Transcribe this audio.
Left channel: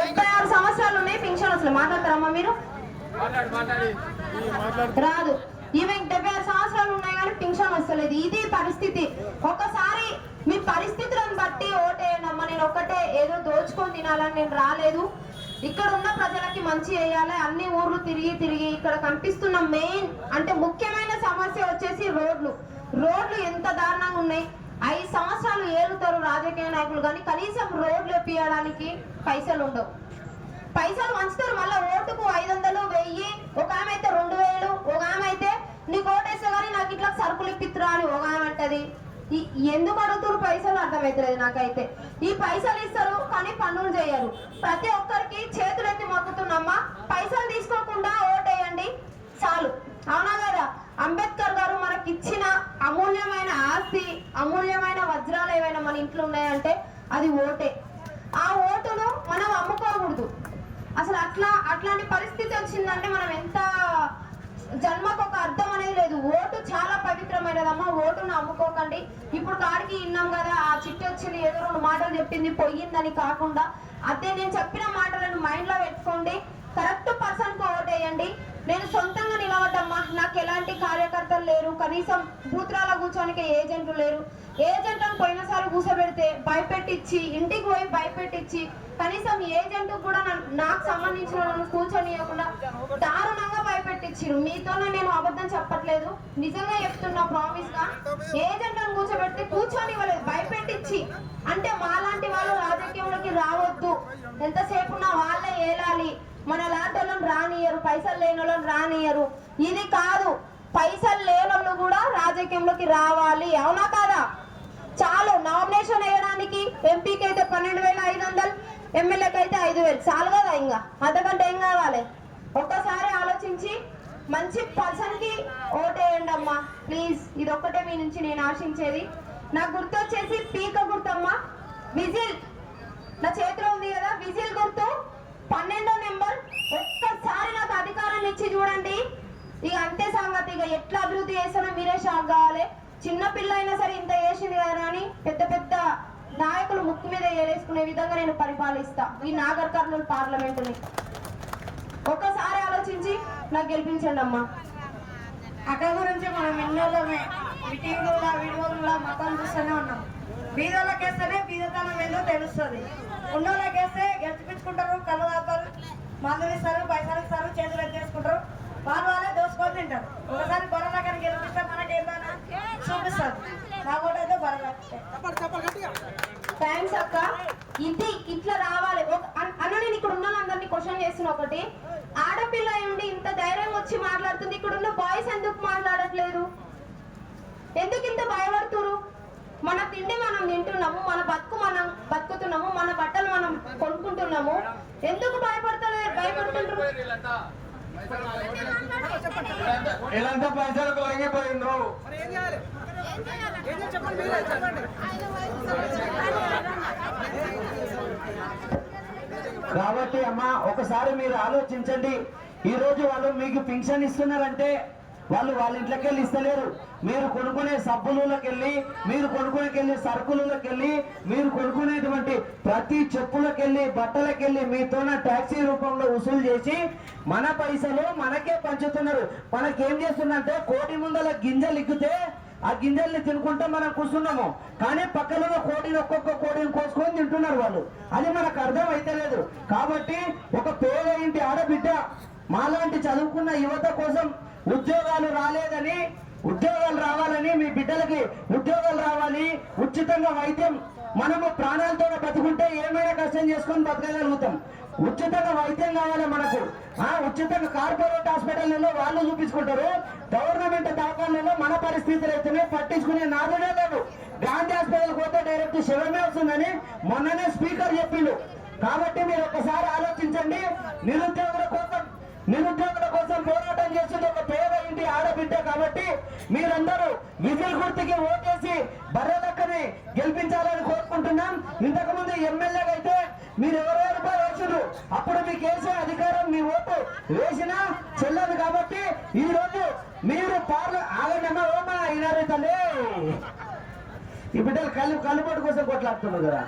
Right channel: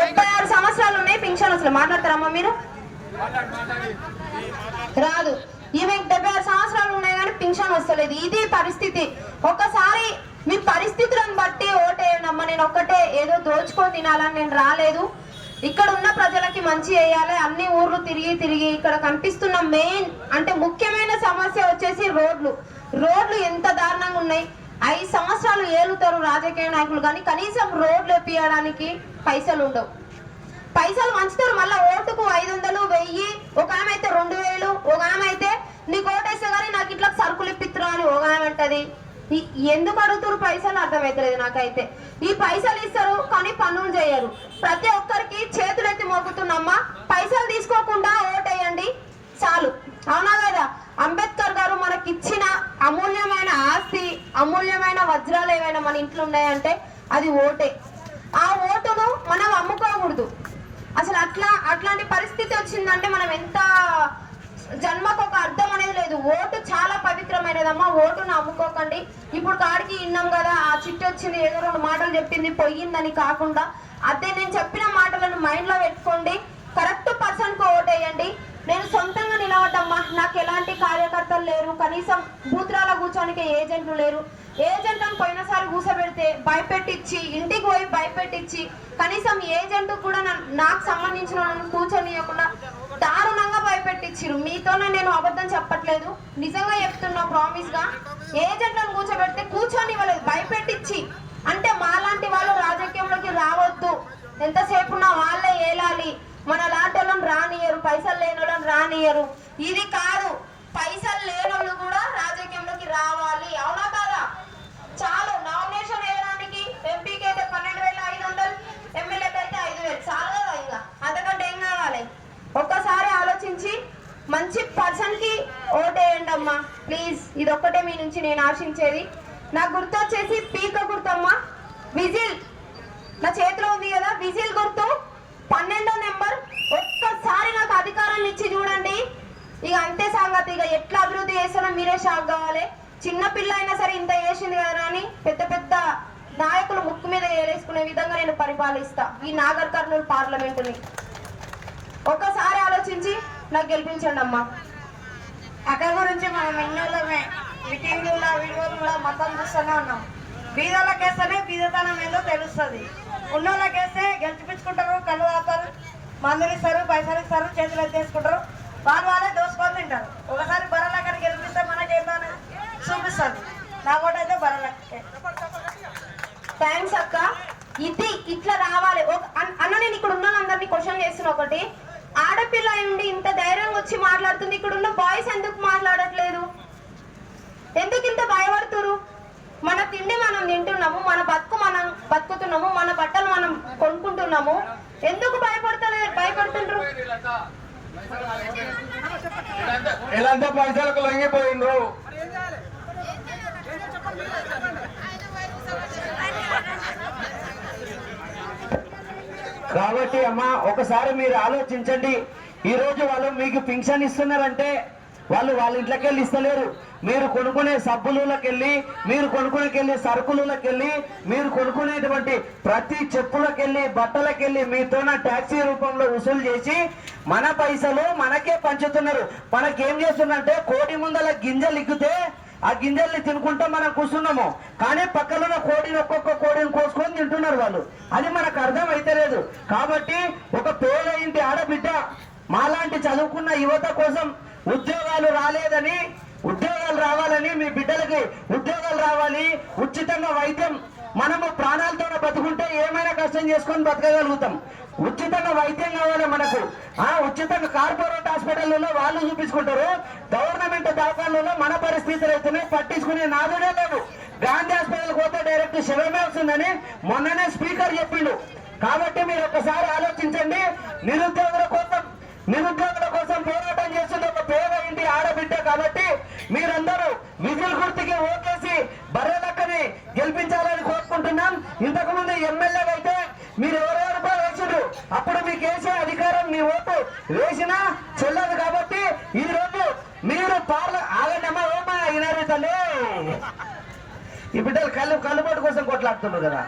ముప్పై ఆరు సంవత్సరాలు ఉన్నాయి పింఛన్ అసలు మాట్లాడతారమ్మా మీరు? రాదు. ఈమె డెబ్బై ఆరు సంవత్సరాలు ఉన్నాయి కానీ పింఛన్ వస్తలేదు. ఇది పరిస్థితి. ఒకసారి మీ పరిస్థితులను బట్టి ఓటేయనమ్మా నేను ఒక్కటే ఏదో దోచుకొని తినాలని నేను రాలేదు. ఇక్కడ ఉన్న ప్రజలకి మంచి చేయాలి. అన్ని ఊర్లు తిరిగి తిరిగి ఇక్కడ కనిపిస్తున్న మెయిన్ అంటే ముఖ్యమైన సమస్య వచ్చేసి రోడ్లు. రోడ్లు ఎంత దారుణంగా ఉన్నాయి. ఐదు సంవత్సరాలు ఏలుతారు రాజకీయ నాయకులు కానీ కనీసం రోడ్లు ఎప్పియడానికి పైసలు ఉండవు. పైసలు పంచుతారు మళ్ళీ ఓటుకు ఐదు వందలు వెయ్యి ఒక ఆమె అయితే రెండు వేలు ఒక ఆమె అయితే నీకు ఓటేస్తే కానీ నాకు ఇట్లా సరుకులు ఇప్పిత్తురా అని ఒక ఆమె అంటది. ఎందుకు అడుగుతారు పైసలు? అర్థమవుతలేదు నాకైతే. ఈ పైసలు ఇస్తారు కానీ పనులు చేయరు. ప్రతి ఒక్కరికి చేతులు ఎత్తి మొక్కుతున్నమ్మా పైసలు తీసుకోకుండా ఓటేయండి. చాలు. అవునా కదా? వజ్రాలు ఏమైనా మన ఇంట్లో ఉన్నాయంటే అది ఓటే. ఆ ఓటును మనం అమ్ముకోకూడదు. అసలు అట్లా అట్లాంటి పరిస్థితి వచ్చిందంటే మనం ఎంత జన్మకు ఒక అర్థం అనేది లేదు. ఓటు చాలా పవిత్రమైనదమ్మా. ఓటును అమ్ముకోకండి. ఇప్పుడు కాడికి విన్నాం కదా ఆ చిట్టు వచ్చింది ఏదో రెండు మాటలు చెప్పింది పోయిందని కాకుండా అదే నేను చెప్పిన మాటలను మైండ్లో పెట్టుకోండి. కరెక్ట్ పర్సన్కి ఓటేయండి. నేను సొంతంగా నిలవద్దమ్మా నాకు ఎలాంటి కార్యకర్తలు లేరు. కనీసం బూత్రాల కూర్చోనికి ఏజెంట్లు లేరు. ఏజెంట్లను పోయినసారి కూర్చోబెడితే భయపెట్టించి ఇంటికి పోయి భయపెట్టించి కనీసం ఏజెంట్ కూడా నాకు సంబంధించిన కూర్చొనియకుండా దారుణంగా భయపెట్టించిరు మీతోనే నేను అబద్ధం చెప్పట్లేదు. నిజంగా చెప్తున్నా ప్రామిస్గా. ఏజెంట్లను కూర్చోబెడితే కూర్చొని ఇవ్వలేదు భయపెట్టించి అంటే మాలాంటి వాళ్ళు రాజకీయంలోకి రావద్దు. ఎంతసేపు నా వాళ్ళే ఏలాలి. మన లాంటి వాళ్ళని రానియరు పైసలు లేని వాళ్ళని రానియరు. ఇది కాదు పైసలు లేని వాళ్ళు కూడా రాజకీయంలోకి రావాలి. అవునా కాదా? చాలు నామినేషన్ వేయడానికి ఎంపీకి అయితే పన్నెండు వేల ఐదు వందలు ఎమ్మెల్యేకి అయితే ఐదు వేలు. చాలు కదా ఇంకా. అంతకంటే ఏం కావాలి? ఒక్కసారి ఆలోచించి మంచి పర్సన్కి ఓటేయండి అమ్మా. ప్లీజ్ ఇది ఒక్కటే మీ నుంచి నేను ఆశించేది. నాకు గుర్తు వచ్చేసి పీక గుర్తమ్మా. విజిల్. నా చేతిలో ఉంది కదా విజిల్ గుర్తు. పన్నెండో నెంబర్. ఒక్కసారి నాకు అధికారాన్ని ఇచ్చి చూడండి. ఇక అంతే సంగతి. ఇక ఎట్లా అభివృద్ధి చేస్తానో మీరే షాక్ కావాలి. చిన్న పిల్ల అయినా సరే ఇంత చేసింది కదా అని పెద్ద పెద్ద నాయకులు ముక్కు మీద ఏలేసుకునే విధంగా నేను పరిపాలిస్తా. ఈ నాగర్ కర్నూలు పార్లమెంటుని. ఒక్కసారి ఆలోచించి నాకు గెలిపించండి అమ్మా. అక్క గురించి మనం ఎన్నోళ్ళమే మీటింగ్లలో వీడియోలలో మతం చూస్తూనే ఉన్నాం. బీదలకేస్తేనే బీదతనం ఏందో తెలుస్తుంది. ఉన్నోళ్ళకేస్తే గెలిచిపించుకుంటారు కళ్ళు మందులు ఇస్తారు పైసలు ఇస్తారు చేతులు ఎత్తేసుకుంటారు. వాళ్ళు వాళ్ళే దోసుకొని తింటారు. ఒకసారి బర్రెలక్కడ గెలిపిస్తే మనకేందని? చూపిస్తారు. నా ఓటు అయితే బర్రెలకే థ్యాంక్స్ అక్క. ఇది ఇట్లా రావాలి. ఒక అన్- అన్న నేను ఇక్కడ ఉన్న అందరినీ క్వశ్చన్ చేసిన ఒకటి. ఆడపిల్ల అయి ఉండి ఇంత ధైర్యంగా వచ్చి మాట్లాడుతుంది. ఇక్కడ ఉన్న బాయ్స్ ఎందుకు మాట్లాడట్లేదు? ఎందుకు ఇంత భయపడుతురు మన తిండి మనం తింటున్నాము మన బతుకు మనం బతుకుతున్నాము మన బట్టలు మనం కొనుక్కుంటున్నాము. ఎందుకు భయపడతలే భయపడుతుండ్రు? ఇలాంటి పైసలకు లొంగిపోయిండ్రు. కాబట్టి అమ్మా ఒకసారి మీరు ఆలోచించండి. ఈ రోజు వాళ్ళు మీకు పింఛన్ ఇస్తున్నారంటే వాళ్ళు వాళ్ళ ఇంట్లోకి వెళ్ళి ఇస్తలేరు. మీరు కొనుక్కునే సబ్బులకి వెళ్ళి మీరు కొనుక్కునేకెళ్ళి సరుకులకి వెళ్ళి మీరు కొనుక్కునేటువంటి ప్రతి చెప్పులకి వెళ్ళి బట్టలకి వెళ్ళి మీతోన ట్యాక్సీ రూపంలో వసూలు చేసి మన పైసలు మనకే పంచుతున్నారు. మనకేం చేస్తుందంటే కోడి ముందల గింజలు ఇగ్గితే ఆ గింజల్ని తినుకుంటా మనం కూర్చున్నాము. కానీ పక్కన ఉన్న కోడిని ఒక్కొక్క కోడిని కోసుకొని తింటున్నారు వాళ్ళు. అది మనకు అర్థం అయితలేదు కాబట్టి ఒక పేద ఇంటి ఆడబిడ్డ మాలాంటి చదువుకున్న యువత కోసం ఉద్యోగాలు రాలేదని ఉద్యోగాలు రావాలని మీ బిడ్డలకి ఉద్యోగాలు రావాలి ఉచితంగా వైద్యం మనము ప్రాణాలతో బతుకుంటే ఏమైనా కష్టం చేసుకొని బతకగలుగుతాం. ఉచితంగా వైద్యం కావాలి మనకు. ఆ ఉచితంగా కార్పొరేట్ హాస్పిటల్లో వాళ్ళు చూపించుకుంటారు. గవర్నమెంట్ దవాఖానలో మన పరిస్థితులు అవుతున్నాయి పట్టించుకునే నాదుడే లేదు గాంధీ హాస్పిటల్ పోతే డైరెక్ట్ శవమే వస్తుందని మొన్ననే స్పీకర్ చెప్పిండు. కాబట్టి మీరు ఒకసారి ఆలోచించండి. నిరుద్యోగుల కోసం నిరుద్యోగుల కోసం పోరాటం చేస్తుంది ఒక పేద ఇంటి ఆడబిడ్డ కాబట్టి మీరందరూ విజిల్ గుర్తుకి ఓటేసి బర్రెలక్కని గెలిపించాలని కోరుకుంటున్నాం. ఇంతకు ముందు ఎమ్మెల్యే అయితే మీరు ఎవరెవరు వేసిండ్రు. అప్పుడు మీకు వేసే అధికారం మీ ఓటు వేసినా చెల్లదు కాబట్టి ఈ రోజు మీరు పార్ల ఆగండమ్మా ఓమా అయినారు తల్లి. ఈ బిడ్డలు కళ్ళు కళ్ళుబాటు కోసం కొట్లాడుతున్నారు కదా.